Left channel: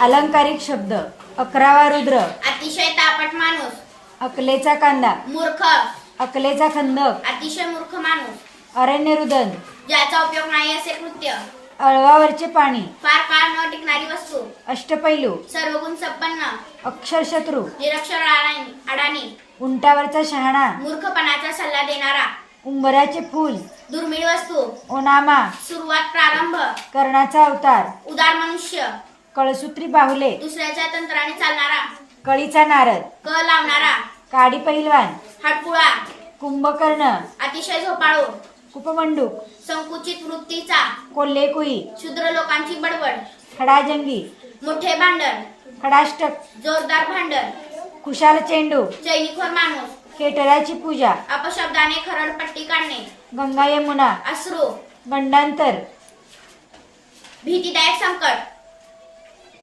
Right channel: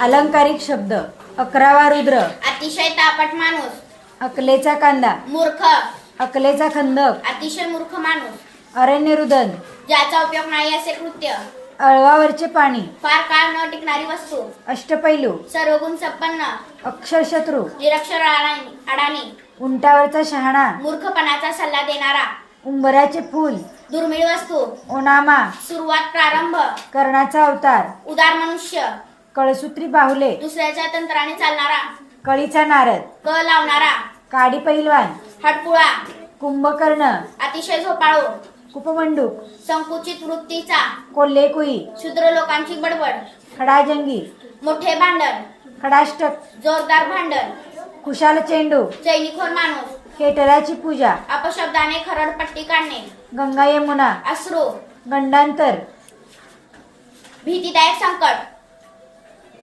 अलंकारिक शब्द. 11वा रुद्र. अतिशय तापट माणूस. अकलेचा कांदा. मूर्ख. अकलेचा खंदक. अतिशय मूर्ख माणूस. अरण्यरुदन. ज्याचा उपयोग नाही असे कृत्य. अळवावरचे पाणी. फार काळ न टिकणारी वस्तू. अष्टपैलू. सर्वगुण संपन्न. अक्षरशत्रू. निरक्षर अडाणी. उंटावरचा शहाणा. मूर्खपणाचा सल्ला देणारा. उंबराचे फूल. दुर्मिळ वस्तू. ओनामा. सुरुवात प्रारंभ. कर्णाचा अवतार. उदार मनुष्य. कळसूत्री बाहुले. दुसऱ्याच्या तंत्राने चालणारा. कळीचा नारद. क लावणारा. काडी पैलवान. हटकुळा. कुंभकर्ण. अतिशय झोपाळू. कुपमंडूक. संकुचित वृत्तीचा. कोल्हेकुई. क्षुद्र लोकांची बडबड. खडाजंगी. मोठे भांडण. खडाष्टक. जोरदार भांडण. खुशाल चेंडू. चैनीखोर माणूस. खेटराची पूजा. अपशब्दाने खरडपट्टी काढणे. गंगा यमुना. अश्रू. गंडांतर. भीतीदायक संकट.